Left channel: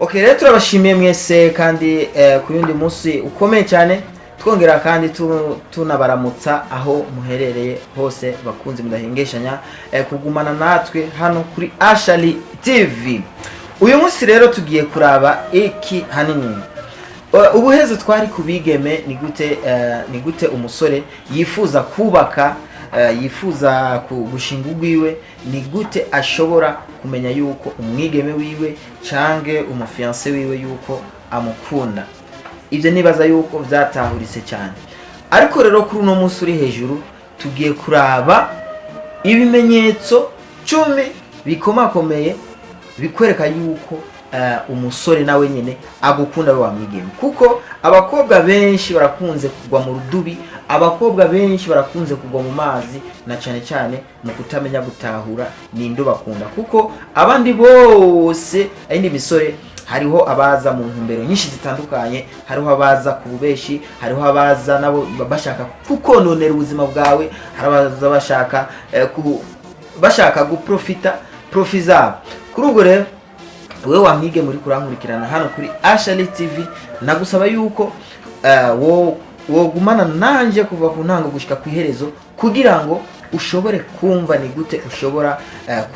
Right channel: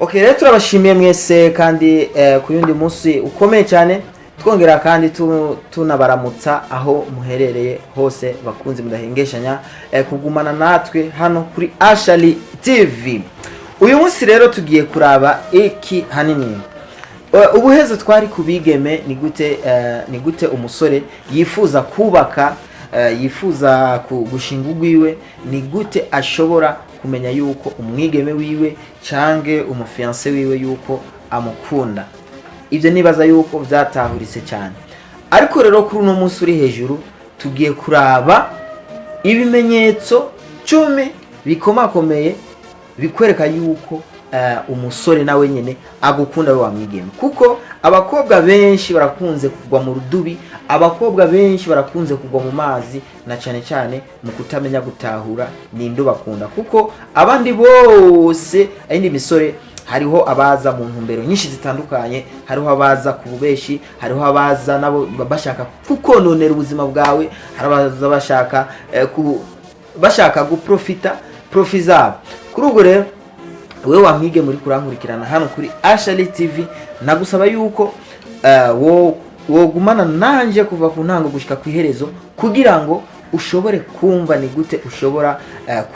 Okay, rero turabashimiye mwese kandi ku yundi munsi ukomeye cyane, twongera kandi tunabaramutsa aho muherereye hose bakunze mudahengeshanya kugumana natwe hano kuri Ashali TV. Uyu munsi rero tugiye kuraba iki hanini. Ubuheze twari kubigeme ni gute umusore yifuza kubaka, yifuza gushinga ugwiwe, ni gute ashobora kumenya yuko umwigeme wiwe cange umufiance wiwe yuko amukunda. Ivyo nibaza yuko vyatahuritse cyane, ariko rero kuri uno munsi uri hejuru tugiye kuraba ibimenyetso 10 bikomakomeye bikwereka yuko umusore nawe nyene agukunda we wamwigeme. Kuko abakobwa benshi barakunze kugwa mu rudubi, abakobwa benshi barakunze kugwa mu mazi, na cyane cyane mu kutamenya gutahura ninde bakunda. Kuko abandi bose ayindi misore, hariho abaza mu ntumbero nyinshi zitandukanye, hariho abaza ku bubeshi, hariho abaza nabo bashaka kukononera ubuzima bwawe, harabaza bashaka guprofiza. Kuri ubwo rero wewe wamwige muri kurankurikirana hano kuri Ashali TV, nagusaba yuko wogumana nanje kuva ku ntango gushika ku iherezo, kugira ngo ushobore kumva ni gute ushobora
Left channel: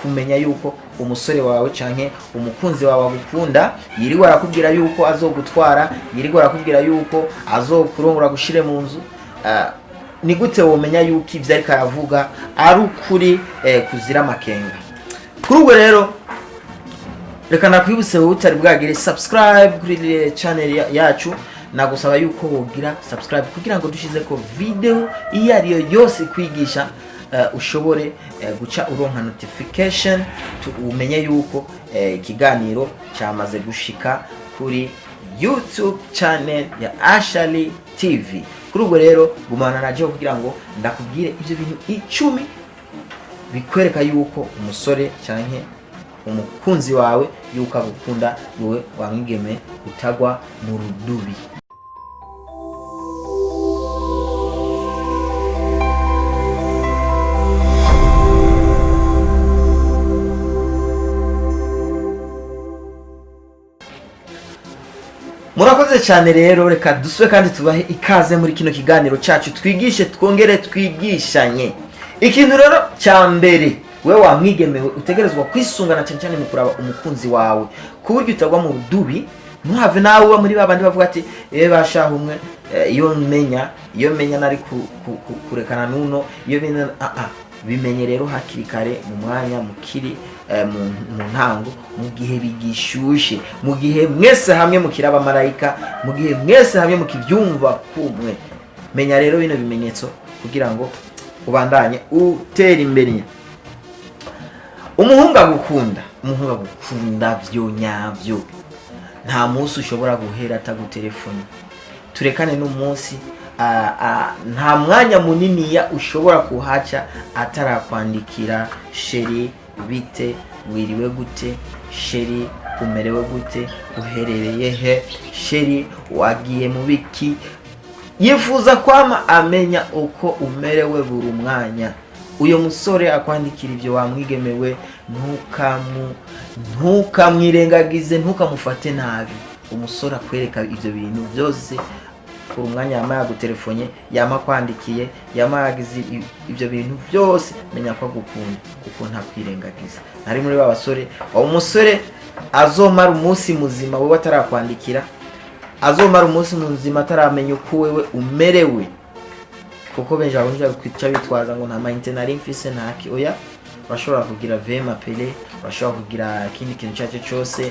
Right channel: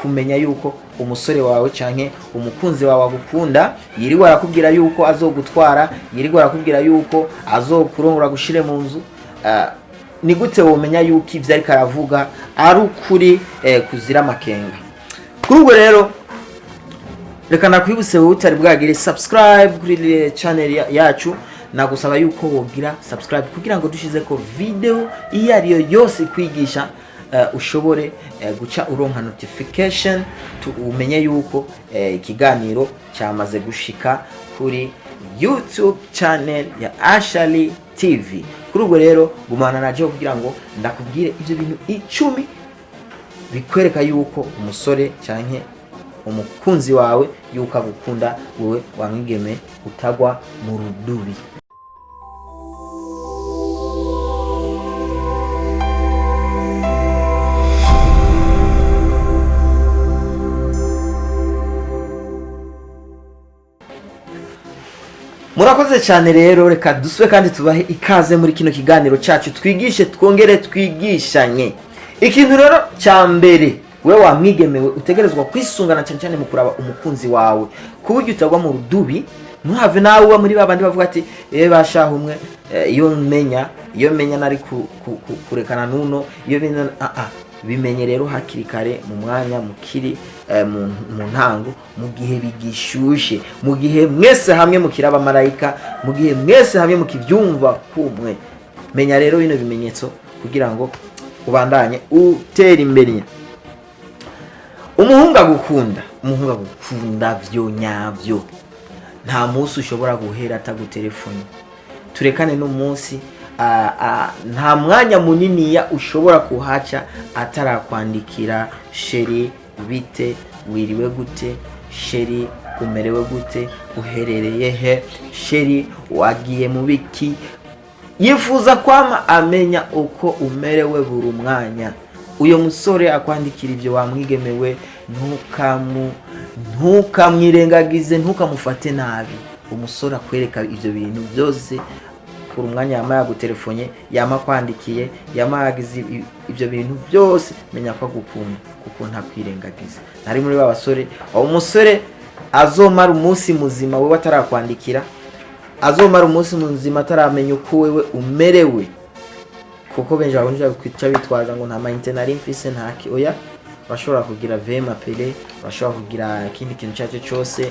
kumenya yuko umusore wawe canke umukunzi wawe agukunda. Yiriwe arakubwira yuko azogutwara, yiriwe arakubwira yuko azokurongora gushire mu nzu, ni gute womenya yuko ivyo ariko aravuga ari ukuri kuzira makenga. Kuri ubwo rero reka nakwibutse wowe utari bwagire subscribe kuri channel yacu, nagusaba yuko wogira subscribe kugira ngo dushize ko video iyo ariyo yose kwigisha ushobore guca uronka notification, umenye yuko ikiganiro cyamaze gushika kuri YouTube channel ya Ashali TV. Kuri ubwo rero gumana naje kugira ngo ndakubwire ivyo bintu 10 bikwereka yuko umusore canke umukunzi wawe yuko agukunda wowe wamwigeme utagwa mu rudubi. Murakoze cyane rero, reka duswe kandi tubahe ikaze muri kino kiganiro cyacu, twigishe twongere twigishanye. Ikintu rero cya mbere wewe wamwigemewe utegerezwa kwisungana cyane mu kuraba umukunzi wawe, kuburyo utagwa mu rudubi. Ntuhave nawe uba muri babandi bavuga ati bashaho umwe iyo menya nari kurekana nuno, iyo bimenye rero hakiri kare, mu mwanya mukiri mu ntango, mu gihe bigishushe, mu gihe mwese hamwe mukiraba marayika, mu gihe mwese hamwe mukivyumva kumwe. Menya rero bino bimenyetso kugira ngo ubandanye utera imbere. Umuhungu agukunda byo nyavyo, nta munsi ushobora guhera atagutelefone. Turekane no munsi, nta mwanya munini ya ushobora kuhaca atarakwandikira sheri bite, wiriwe gute, sheri umerewe gute, uherereye he, sheri wagiye mu biki. Yifuza kwama amenya uko umerewe buri mwanya. Uyo musore akwandikira ivyo wamwigemewe, ntukamwirengagize, ntukamufate nabi. Umusore akwereka ivyo bintu byose ku mwanya yama gutelefone, yama kwandikiye, yama yagize ivyo bintu byose, menya ko agukunda kuko ntakwirengagiza. Nari muri babasore, umusore azomara umunsi muzima wewe atarakwandikira, azomara umunsi muzima ataramenya uko wewe umerewe. Kuko benshi abonje kwica bitwaza ngo nta mayinte nari mfise ntaki. Oya, bashobora kugira vema pele, bashobora kugira ikindi kintu cyacu cyose,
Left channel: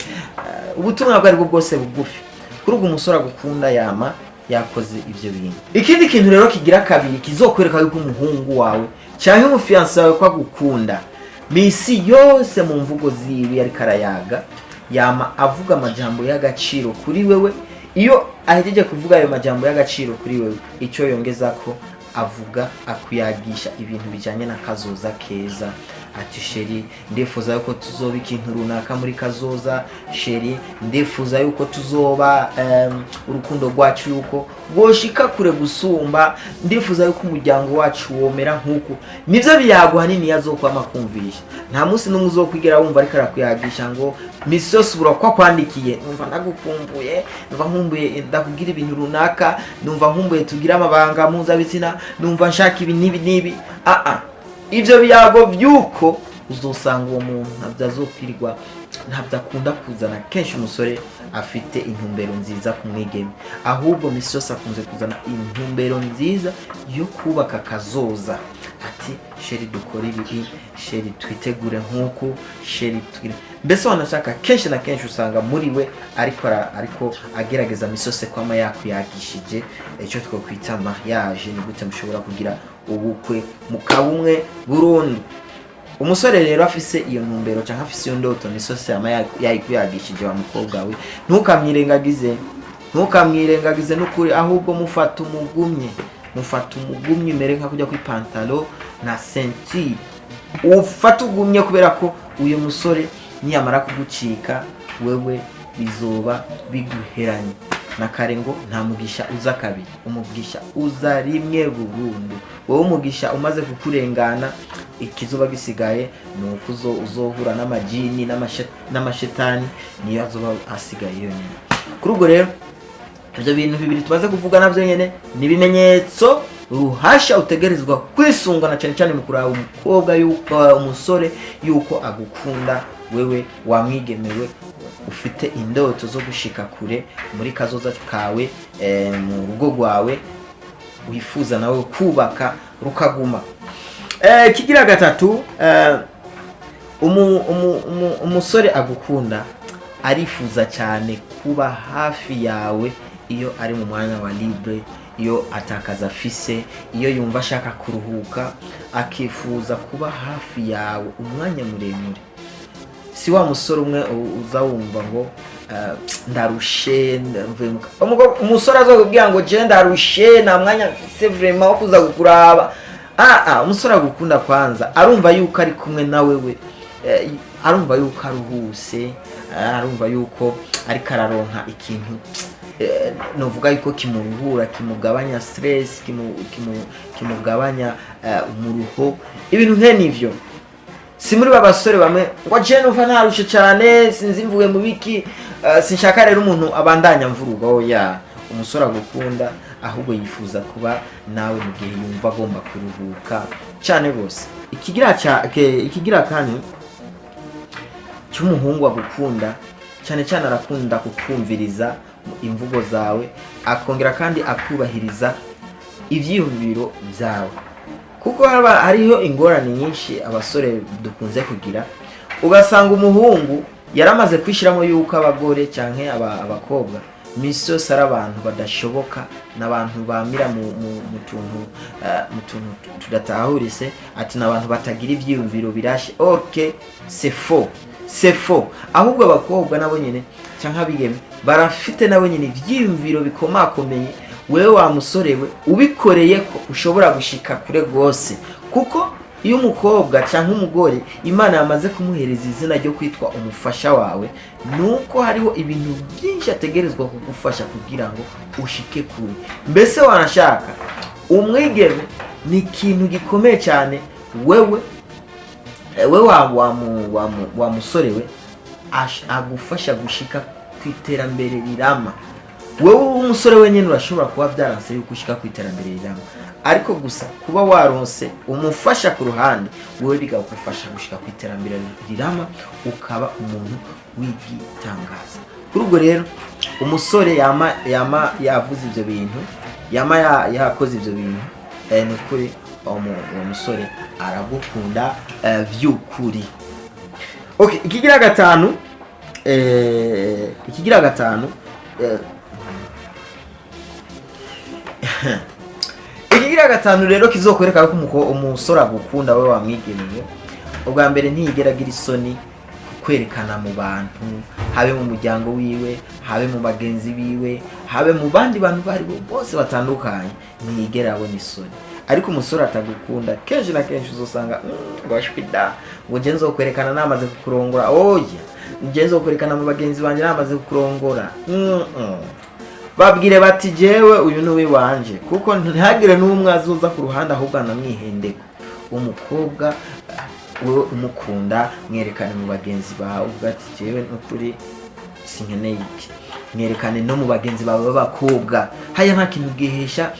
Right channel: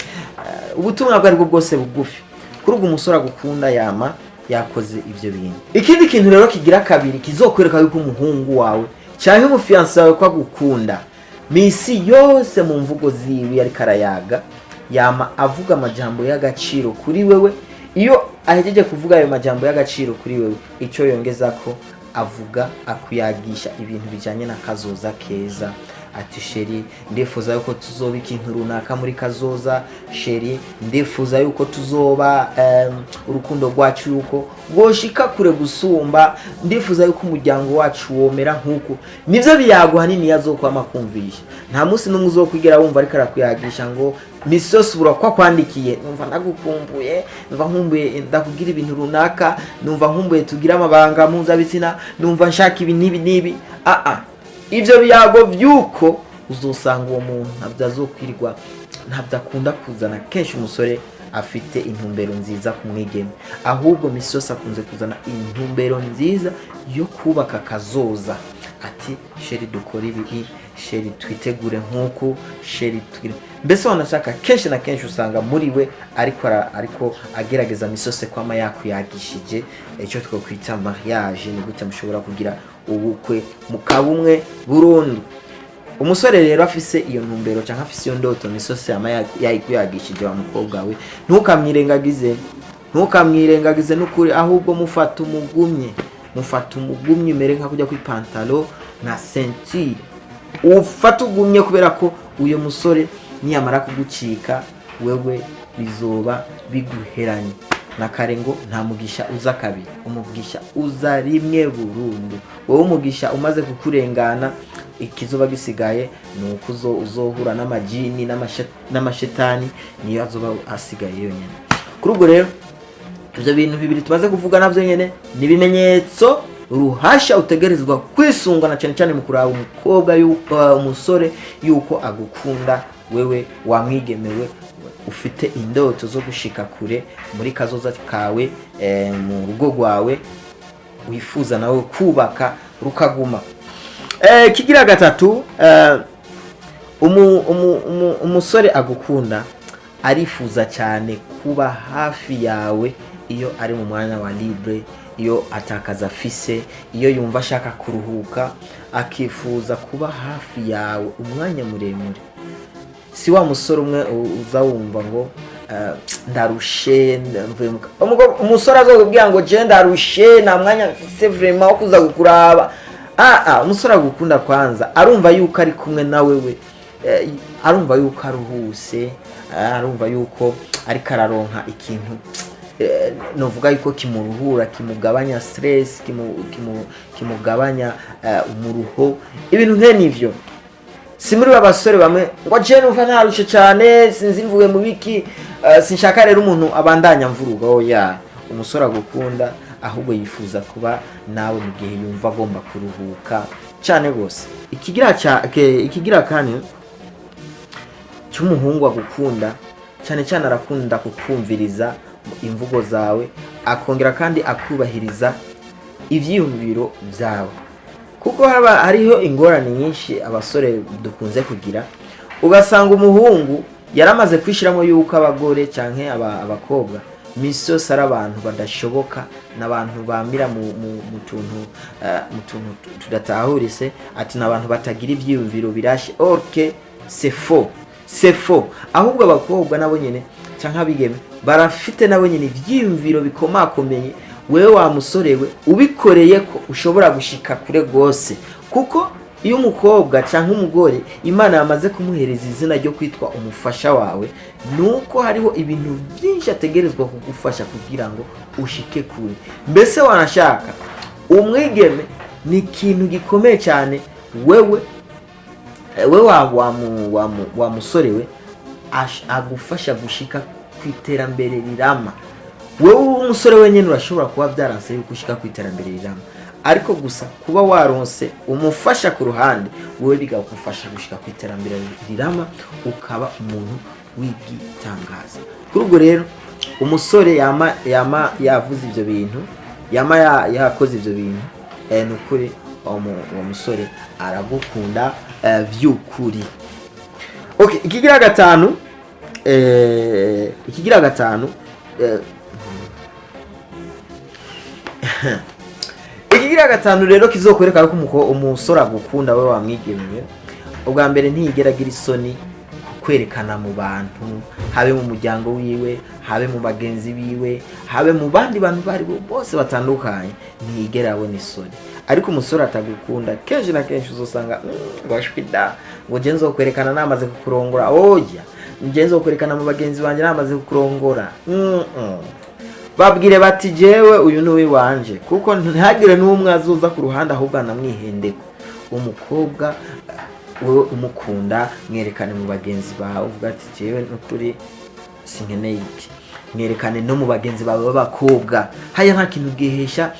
ubutumwa bwari bwose bugufi. Kuri ubwo umusore agukunda yama yakoze ivyo bintu. Ikindi kintu rero kigira kabiri kizokwereka yuko umuhungu wawe cyangwa umufiance wawe ko agukunda, misi yose mu mvugo ziwe ari karayaga, yama avuga amajambo y'agaciro kuri wewe. Iyo ahejeje kuvuga ayo majambo y'agaciro kuri wewe, icyo yongeza ko avuga akuyagisha ibintu bijanye na kazoza keza. Ati sheri, ndifuza yuko tuzoba ikintu runaka muri kazoza. Sheri, ndifuza yuko tuzoba urukundo rwacu yuko goshika kure gusumba. Ndifuza yuko umuryango wacu womera nkuko. Nivyo biyago hanini yazokwama kumvisha. Nta munsi n'umwe uzokwigera wumva ariko arakuyagisha ngo misi yose ubura ko akwandikiye, numva nagukumbuye, numva nkumbuye ndakugira ibintu runaka, numva nkumbuye tugira amabanga mpuzabitsina, numva nshaka ibi n'ibi. Ivyo biyago vyuko uzosanga uwo muntu ntabyo azokwirirwa, ntabyo akunda kuzana kenshi umusore afite intumbero nziza ku mwigeme, ahubwo misi yose akunze kuzana intumbero nziza yo kubaka kazoza. Ati sheri dukora ibi, sheri twitegure nk'uko, sheri tugire, mbese wanashaka kenshi na kenshi usanga muri we ariko agerageza misi yose kwama yakwiyagishije icyo twokwita mariage. Ni gute mushobora kugira ubukwe mukabumwe burundu. Umusore rero afise iyo ntumbero cyangwa afise iyo ndoto misi yose yama yakwiyagishije wa mukobwa we, ntukamwirengagize n'ukuri, ahubwo mufata umugumye mere nka kujya kuri pantalo na ceinture, ufata ugumye, kubera ko uyo musore niyamara kugucika wewe bizoba biguheranye na kare ngo nta mugisha uza kabiri, umugisha uza rimwe burundu. Wowe umugisha umaze kukurengana, ikizoba gisigaye nuko uzohura n'amajini n'amashetani, niyo azoba asigaye yonyine. Kuri ubwo rero ivyo bintu bibiri tubaze kuvuga navyo nyene ni bimenyetso ruhasha utegerezwa kwisungana cyane cyane mu kuraba umukobwa yuko umusore yuko agukunda wewe wamwigemewe, ufite indoto zo gushika kure muri kazoza kawe, mu rugo rwawe wifuza nawe kubaka rukaguma. Kigira gatatu, umusore agukunda arifuza cyane kuba hafi yawe iyo ari mu mwanya wa libre, iyo atakaza afise, iyo yumva ashaka kuruhuka, akifuza kuba hafi yawe umwanya muremure. Si wa musore umwe uza wumva ngo ndarushe, umusore azokubwira ngo je ndarushe nta mwanya mfise vraiment wo kuza kukuraba. Umusore agukunda kwanza arumva yuko ari kumwe na wewe, arumva yuko aruhuse, arumva yuko ariko araronka ikintu novuga yuko kimuruhura, kimugabanya stress, kimugabanya umuruho, ibintu nk'nivyo. Si muri babasore bamwe ngo je numva narushe cyane sinzi mvuye mu biki, sinshaka rero umuntu abandanya mvuruga. Oya, umusore agukunda ahubwo yifuza kuba nawe mu gihe yumva agomba kuruhuka cyane rwose. Ikigira kandi cy'umuhungu agukunda cyane cyane, arakunda kukumviriza imvugo zawe, akongera kandi akubahiriza ivyiyumviro byawe. Kuko hariho ingorane nyinshi abasore dukunze kugira, ugasanga umuhungu yaramaze kwishiramo yuko abagore canke abakobwa misi yose ari abantu badashoboka, n'abantu bamira mu tuntu tudatahurise, ati n'abantu batagira ivyiyumviro birashe. Ok, c'est faux. Ahubwo abakobwa nabo nyene canke abigeme barafite nabo nyene ivyiyumviro bikomakomeye, wewe wa musore we ubikoreye ko ushobora gushika kure gose. Kuko iyo umukobwa canke umugore Imana yamaze kumuhereza izina ryo kwitwa umufasha wawe, nuko hariho ibintu byinshi ategerezwa kugufasha kugira ngo ushike kure. Mbese wanashaka umwigeme ni ikintu gikomeye cyane. wewe wa musore we agufasha gushika kwiterambere rirama. Wewe umusore wenyine urashobora kuba byaranse yuko ushika kwiterambere rirama, ariko gusa kuba waronse umufasha ku ruhande, wewe bigakufasha gushika kwiterambere rirama, ukaba umuntu w'igitangaza. Kuri ubwo rero umusore yama yavuze ivyo bintu, yama yakoze ivyo bintu, nukuri uwo musore aragukunda vy'ukuri. Okay, ikigira gatanu ikigira gatanu rero kizokwereka ko umusore agukunda we wamwigemeye. Ubwa mbere ntiyigeragira isoni kwerekana mu bantu, habe mu muryango wiwe, habe mu bagenzi biwe, habe mu bandi bantu bari bose batandukanye, ntiyigera abona isoni. Ariko umusore atagukunda kenshi na kenshi uzosanga bashwida ngo je nzokwerekana namaze kukurongora. Oya, je nzokwerekana mu bagenzi banje namaze kukurongora. Babwire bati jewe uyu ni wanje, kuko ntihagire n'umwe azoza ku ruhande ahubwo anamwihendeko. Umukobwa wowe umukunda mwerekane mu bagenzi bawe uvuga ati jewe n'ukuri sinkeneye iki. Mwerekane no mu bagenzi bawe b'abakobwa. Haya nta kintu gihesha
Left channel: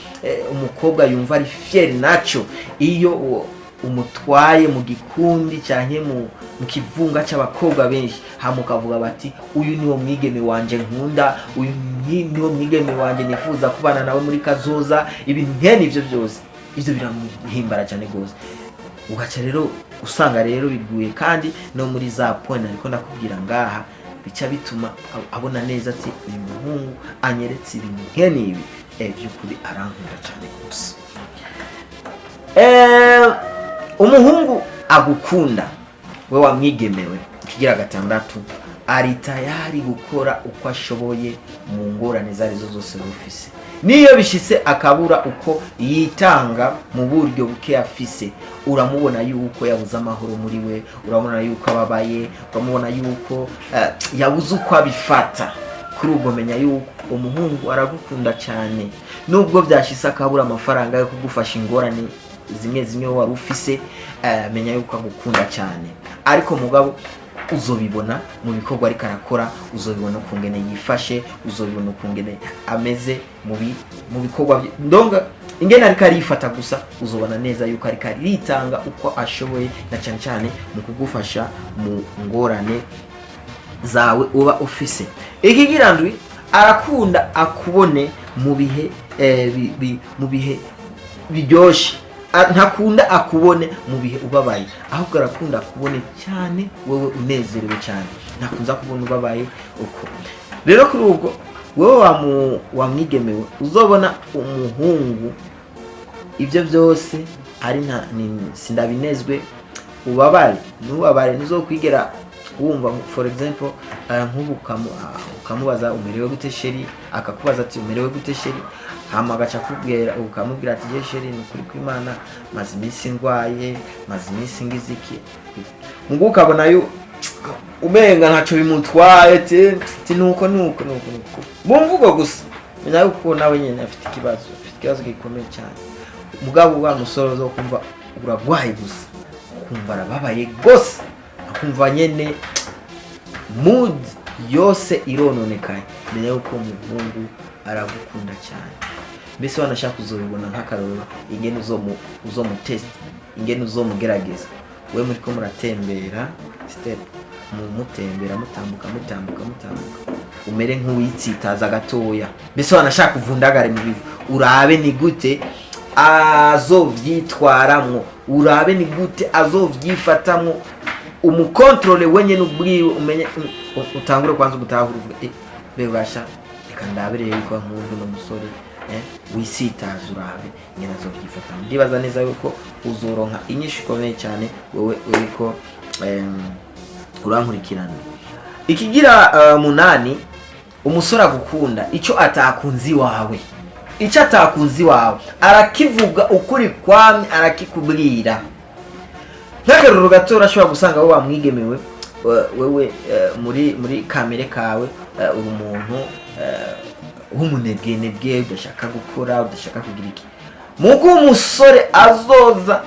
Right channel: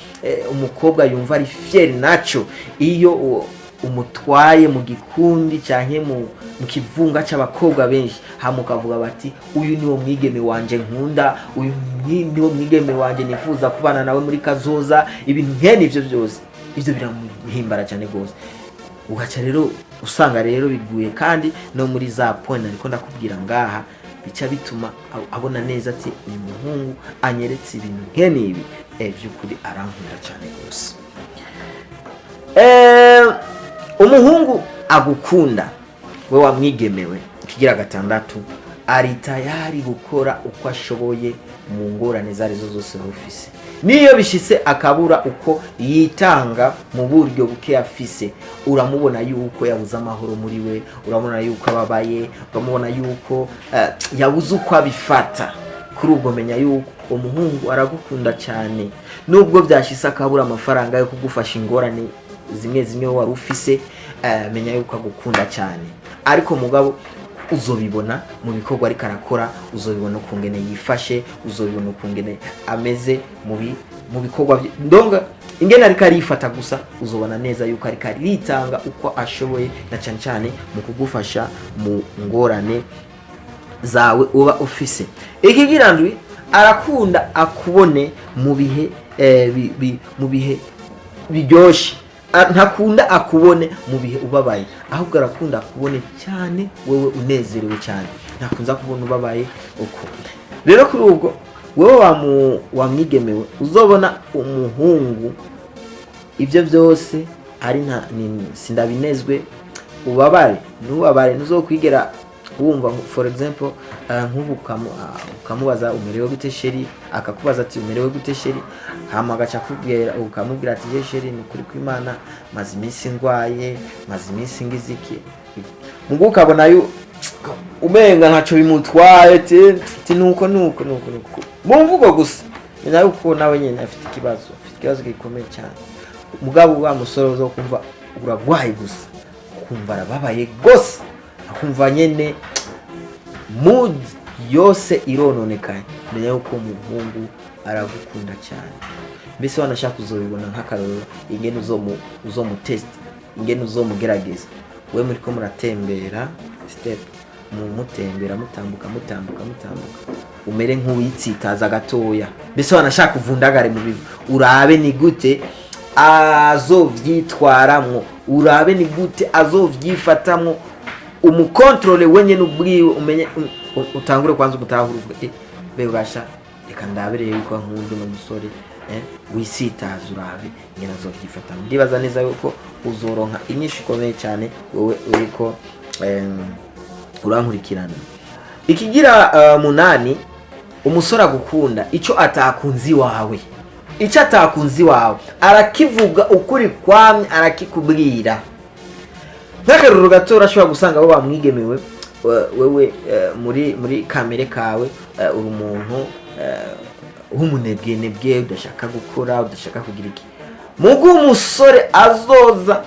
umukobwa yumva ari fier naco iyo umutwaye mu gikundi canke mu kivunga c'abakobwa benshi hamukavuga bati uyu niwo mwigeme wanje nkunda, uyu niwo mwigeme wanje nifuza kubana nawe muri kazoza. Ibintu nkene ivyo byose ivyo biramuhimbara cyane gose. Ugaca rero usanga rero biguye kandi no muri za point ariko ndakubwira ngaha bica bituma abona neza ati uyu muhungu anyeretse ibintu nkene ibi by'ukuri arankunda cyane gose. Umuhungu agukunda we wamwigemewe kigira gatandatu ari tayari gukora uko ashoboye mu ngorane zarizo zose rufise. Niyo bishitse akabura uko yitanga mu buryo buke afise, uramubona yuko yabuze amahoro muri we, uramubona yuko ababaye, uramubona yuko yabuze uko abifata. Kuri ubwo menya yuko umuhungu aragukunda cyane. Nubwo byashitse akabura amafaranga yo kugufasha ingorane zimwe wari ufise, menya yuko agukunda cyane. Ariko mugabo uzobibona mu bikorwa ariko arakora, uzobibona ukungene yifashe, uzobibona ukungene ameze mu bikorwa ndonga ingene ariko arifata gusa, uzobona neza yuko ariko aritanga uko ashoboye na cyane cyane mu kugufasha mu ngorane zawe uba ufise. Ikigirandwi arakunda akubone mu bihe biryoshe. Ntakunda akubone mu bihe ubabaye, ahubwo arakunda akubone cyane wewe unezerewe cyane. Ntakunza kubona ubabaye uko. Rero kuri ubwo wewe wamwigemewe uzobona umuhungu ibyo byose ari sindabinezwe ubabare n'ubabare nuzokwigera wumva. For example nk'ubu ukamubaza umerewe gute sheri, akakubaza ati umerewe gute sheri, hama agaca kubwira ukamubwira ati je sheri n'ukuri kw'Imana maze iminsi ngwaye, maze iminsi ngiziki. Mungu ukabona yo umenga ntaco bimutwaye ati nuko mu mvugo gusa, menya yuko nawe nyine afite ikibazo gikomeye cyane. Mugabo wa musoro zo kumva uragwaye gusa, kumva arababaye gose, akumva nyene mood yose irononekaye, menya yuko umuhungu aragukunda cyane. Mbese wanashaka kuzobibona nk'akaroro ingene uzomutest, ingene uzomugerageza. We muri ko muratembera step mutembera mutambuka umere nk'uwitsitaza gatoya. Mbese wanashaka kuvundagare mu bintu, urabe ni gute azovyitwaramwo, urabe ni gute azovyifatamwo, umukontrole wenye n'ubwiwe umenye, utangure kwanza umutahura uvuga bebasha reka ndabere yuko nk'undi n'umusore wisitaza urabe nyina zovyifata. Ndibaza neza yuko uzoronka inyishu ikomeye cyane wowe uriko urankurikirana. Ikigira munani, umusore agukunda icyo atakunzi wawe, arakivuga ukuri kwamye, arakikubwira. Nk'akaruru gato urashobora gusanga wowe wamwigemewe wewe muri kamere kawe uri umuntu w'umunebwe udashaka gukora, udashaka kugira iki. Mugo umusore azoza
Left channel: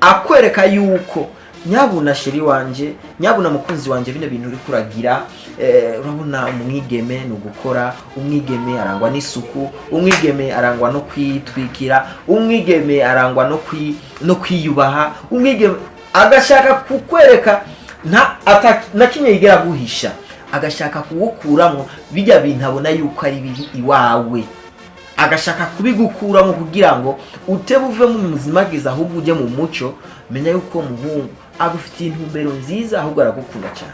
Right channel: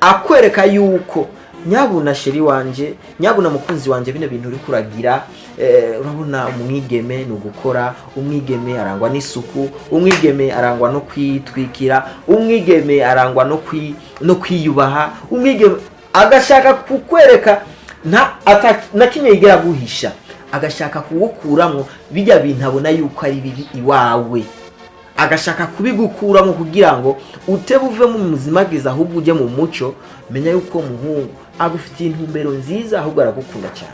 akwereka yuko nyabuna sheri wanje, nyabuna mukunzi wanje, bino bintu uri kuragira, urabona umwigeme no gukora, umwigeme arangwa n'isuku, umwigeme arangwa no kwitwikira, umwigeme arangwa no kwiyubaha, umwigeme agashaka kukwereka na kimwe yigera guhisha, agashaka kugukuramo bijya bintu abona yuko ari bibi iwawe, agashaka kubigukuramo kugira ngo utebuve mu muzima bwiza ahubwo uje mu muco. Menya yuko muhungu agufitiye intumbero nziza, ahubwo aragukunda cyane.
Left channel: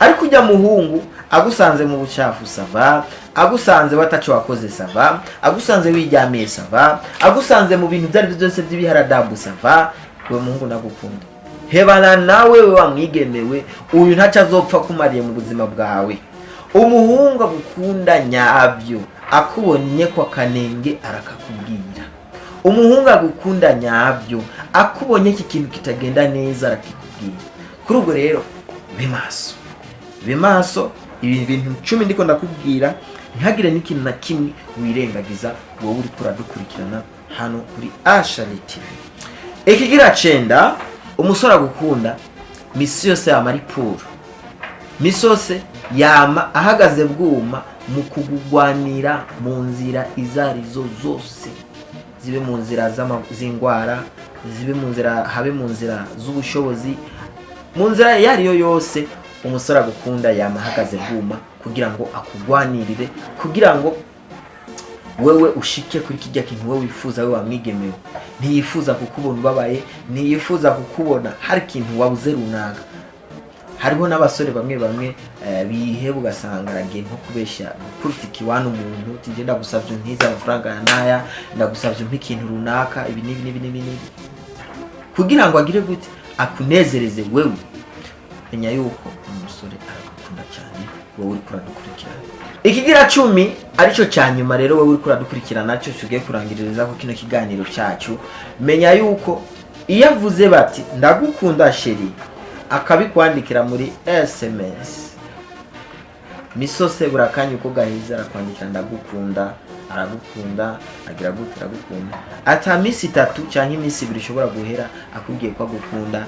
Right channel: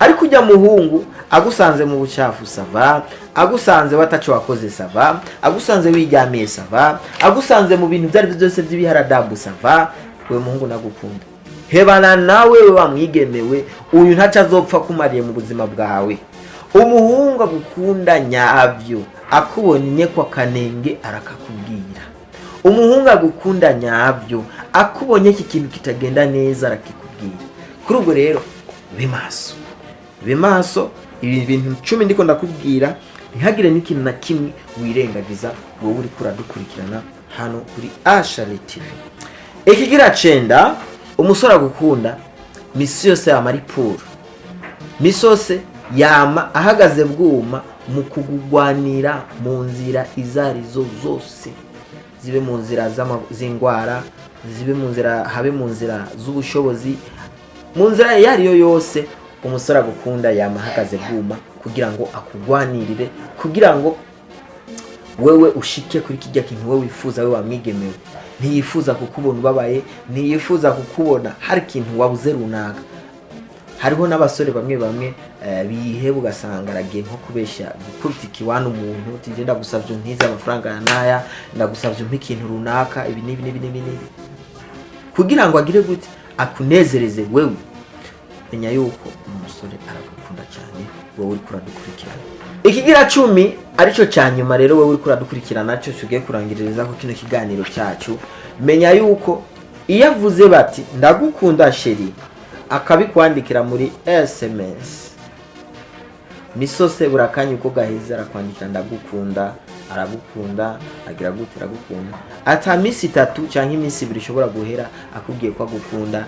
Ariko ujya muhungu agusanze mu bucafu sava, agusanze watacho wakoze sava, agusanze wijyamiye sava, agusanze mu bintu byari byose by'ibiharadabu sava, we muhungu nagukunda. Hebana nawe wamwigemewe, uyu ntaca azopfa kumariye mu buzima bwawe. Umuhungu agukunda nyabyo, akubonye kwa kanenge arakakubwira. Umuhungu agukunda nyabyo, akubonye iki kintu kitagenda neza arakikubwira. Kuri ubwo rero be maso ibi bintu 10 ndiko ndakubwira, ntihagire n'ikintu na kimwe wirengagiza wowe uri kuradukurikirana hano kuri Ashali TV. Ikigira 9, umusore agukunda misi yose yama ari puro, misi yose yama ahagaze bwuma mu kugugwanira mu nzira izarizo zose, zibe mu nzira z'ingwara, zibe mu nzira habe mu nzira z'ubushobozi, mu nzira yariyo yose umusore agukunda yama ahagaze bwuma kugira ngo akugwanirire, kugira ngo wewe ushike kuri kijya kintu wewe wifuza, wewe wamwigemewe. Ntiyifuza kukubona ubabaye, ntiyifuza kukubona hari ikintu wabuze runaka. Hariho n'abasore bamwe biheba ugasanga aragiye nko kubeshya gukurikira iwana umuntu, uti ngenda gusavye ntiza amafaranga naya, ndagusavye ikintu runaka, ibi nibi kugira ngo agire gute akunezereze wewe. Menya yuko umusore aragukunda cyane, wowe uri kuradukurikirana. Ikigira 10 arico cyanyuma rero, wowe uri kuradukurikirana naco tugiye kurangiririza ko kino kiganiro cyacu. Menya yuko iyo avuze bati ndagukunda sheri, akabikwandikira muri SMS, misose burakanye uko gahiza arakwandikira ndagukunda, aragukunda, agira gute aragukunda. Ata misi 3 cyangwa imisi 2 ishobora guhera akubwiye ko agukunda.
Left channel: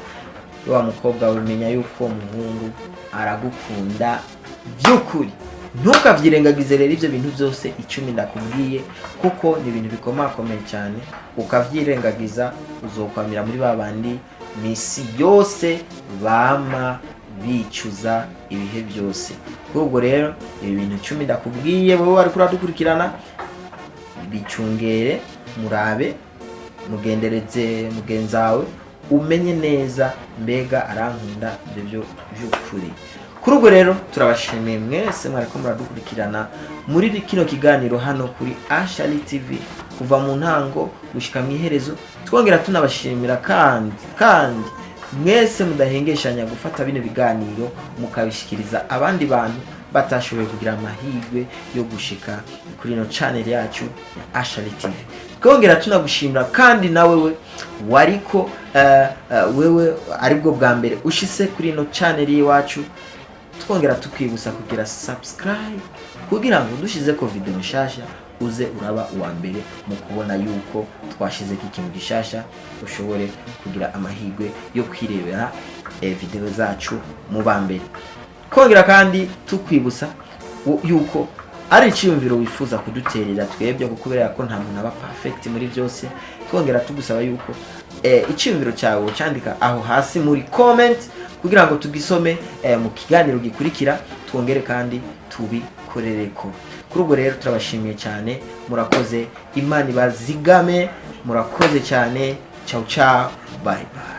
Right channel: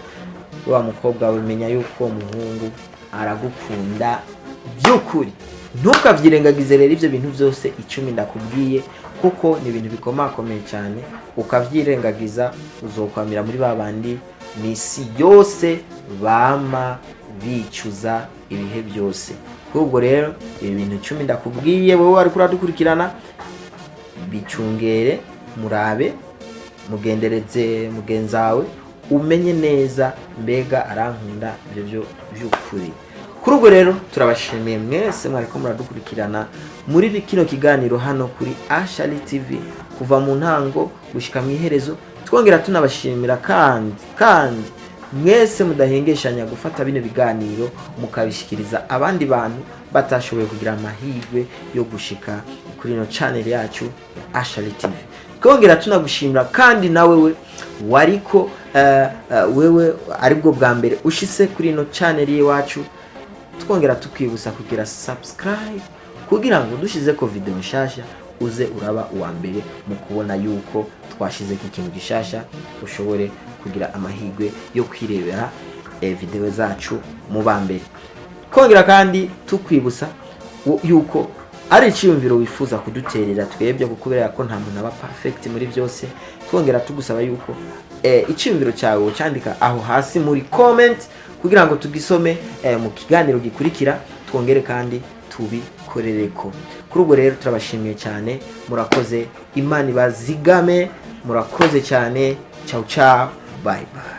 Wa mukobwa we menya yuko umuhungu aragukunda by'ukuri. Ntukavyirengagize rero ivyo bintu byose 10 ndakubwiye, kuko ni ibintu bikomakomeye cyane. Ukavyirengagiza uzokwamira muri babandi misi yose bama bicuza ibihe byose. Ubwo rero ibi bintu 10 ndakubwiye, wowe ari kuradukurikirana bicungere, murabe, mugendereze mugenzawe, umenye neza mbega arankunda ibyo by'ukuri. Kuri ubwo rero turabashimiye mwese mwariko muradukurikirana muri kino kiganiro hano kuri Ashali TV kuva mu ntango gushika mu iherezo. Twongera tunabashimira kandi mwese mudahengeshanya gufata bino biganiro mukabishikiriza abandi bantu batashoboye kugira amahirwe yo gushika kuri no channel yacu Ashali TV. Twongera tunagushimira kandi nawe wariko wewe aribwo bwa mbere ushitse kuri no channel yacu. Twongera tukwibusa kugira subscribe kugira ngo dushize ko video nshasha uze uraba uwa mbere mu kubona yuko twashize ikintu gishasha, ushobore kugira amahirwe yo kwirebera video zacu mu bambere. Twongera kandi tukwibusa yuko ari icyumviro wifuza kuduterera twebwe, kukubera ko nta muntu aba perfect muri byose. Twongera tugusaba yuko icyumviro cyawe cyandika aho hasi muri comment kugira ngo tugisome mu kiganiro gikurikira, twongere kandi tubikorereko. Kuri ubwo rero turabashimiye cyane, murakoze, Imana ibazigame, murakoze cyane. Ciao ciao, bye bye.